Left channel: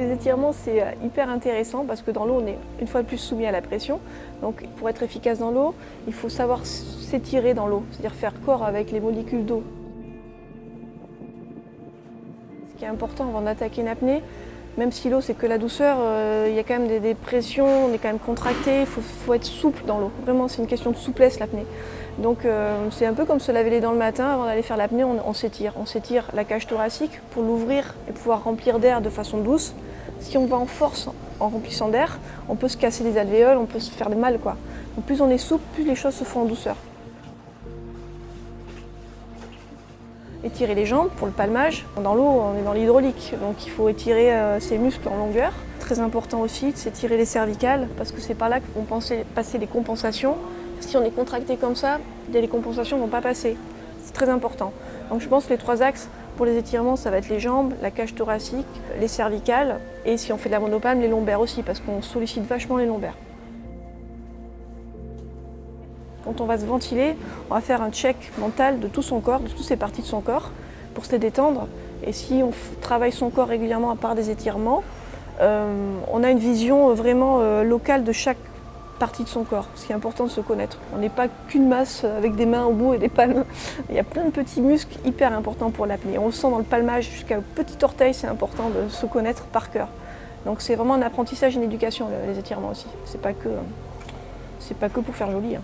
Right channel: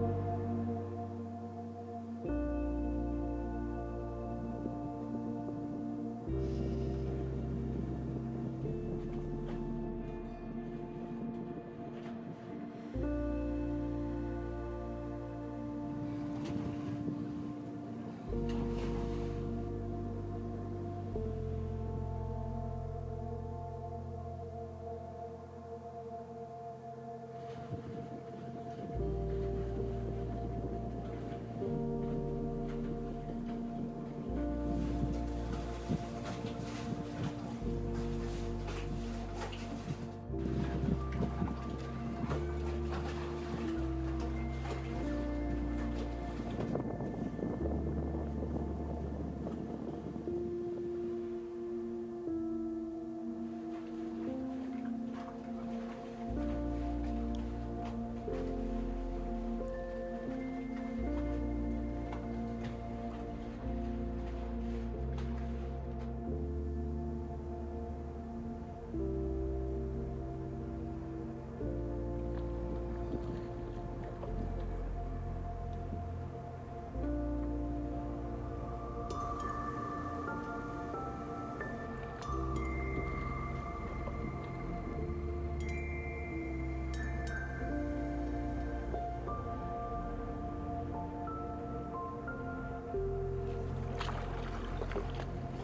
Les étirements, c'est hyper intéressant parce que dans l'eau, on est une fois de plus soumis à la pression. Donc pour être efficace dans l'eau, il faut savoir s'étirer dans l'eau, c'est-à-dire faire corps avec les molécules d'eau. Ce qui est important avant d'attaquer une apnée, même si l'eau c'est que la douceur, il y a quand même des pressions, on est quand même contracté, il faut être souple dans l'eau. Vraiment, c'est une question de souplesse l'apnée. Donc c'est un peu comme se laver les dents le matin avant d'aller faire l'apnée, on s'étire. On s'étire la cage thoracique pour l'ouvrir et pouvoir remplir d'air de façon douce. Si on va en force en remplissant d'air, on peut se casser les alvéoles, on peut se faire mal, quoi. Donc plus on est souple, plus les choses se font en douceur. Étirer les jambes pour le palmage. Dans l'eau, on est dans l'hydraulique, donc il faut étirer ses muscles en longueur. Très important aussi de s'étirer les cervicales, parce que c'est par là que vont passer les compensations. Si on est contracté comme ça, les compensations ne vont pas passer. C'est très important. Donc je pense que les 3 axes pour les étirements, ça va être les jambes, la cage thoracique, les cervicales, et si on fait de la monopalme, les lombaires aussi, parce qu'on sollicite vachement les lombaires. Quand on va se ventiler, on va faire un check mental de tout son corps, de toutes ces parties de son corps, pour se détendre. Et si on travaille son corps régulièrement à part des étirements, on a une vision vraiment locale de chaque partie de son corps. Ce qui est important de se connaître. On n'est pas qu'une masse avec des mains au bout et des palmes. Il y a plein de petits muscles hyper importants pour l'apnée. On le sent dans le palmage jusqu'au petit orteil, c'est important de se connaître par cœur. Donc c'est vraiment un apprentissage, une éducation, les étirements aussi. C'est pas que pour faire joli.